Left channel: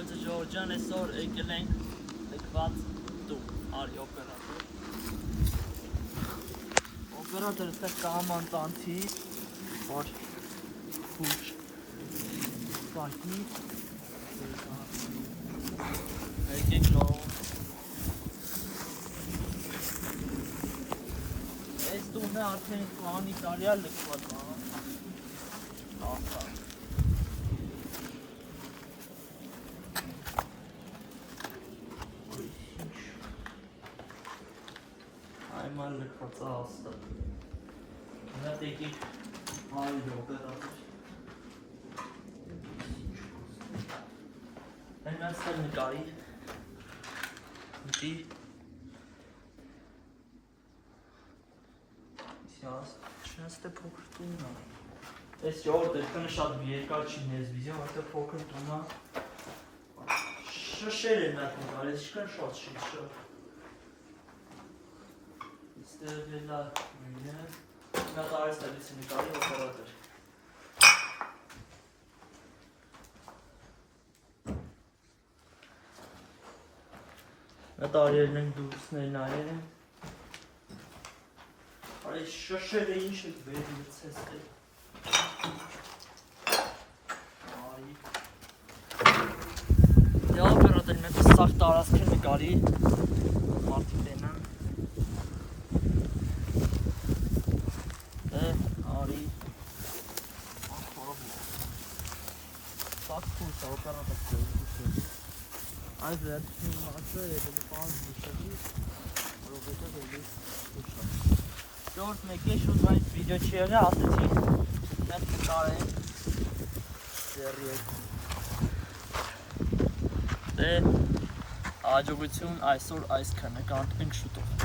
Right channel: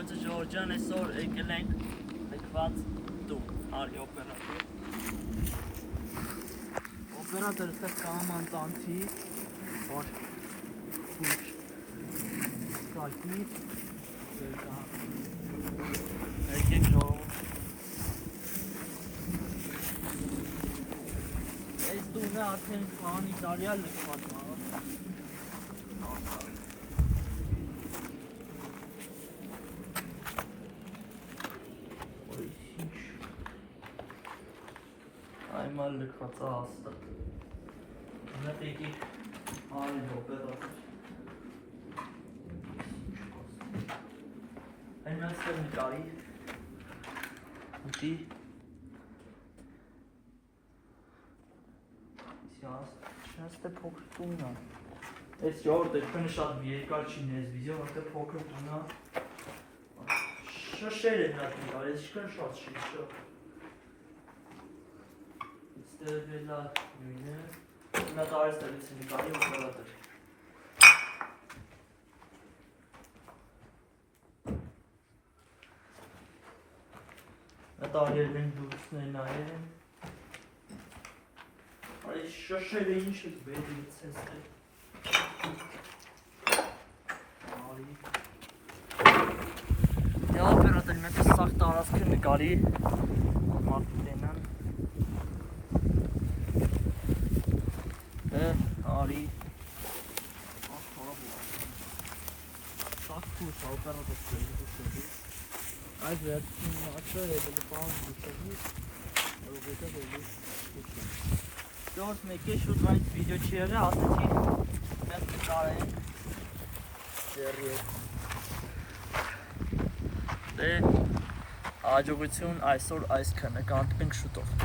Շնորհակալություն Ժորժ ջան, այսօր եկել ենք լքված տուն, արի օպերատոր։ Օպերատորը ստեղ կաման տանթի, որ խուշ կալպի, եկեք նորում։ Այս տունը արդեն քանի տարի է լքված է։ Այման լքված է հաստատ։ Հետ եկեք արի օպերատոր։ Այն այստեղ նկարի։ Ուտի։ Չնստե փոքր տունն է։ Այս ժողովուրդը քնը շատ երկար չի մեզ վիդեո, որտեղ փոքր տունն է։ Շշեր են այդ նկարի, ինչքան շատ շշ։ Ստեղելա նույնը, նա տարեց տալիս նկարի օպերատոր։ Նա տարել ենք դուրսներ նայել են։ Արի շշերը ինչ եք վերցես տեղ։ Արի։ Նա օպերատոր մեկ սաղ տարածքը նկարի։ Մարդի տենան։ Արի։ Շատ խուս օպերատոր կլինի։ Այս վերջին մաչը եկել պահան դուշելի, որովհետև էլիս ուշա։ Ժորժ մեկի շուտ այդ վիդեո չի եղել, ասեցի մեր կտարեն դե հաջողություն այսօր այս քնը կանտվենք շուտով։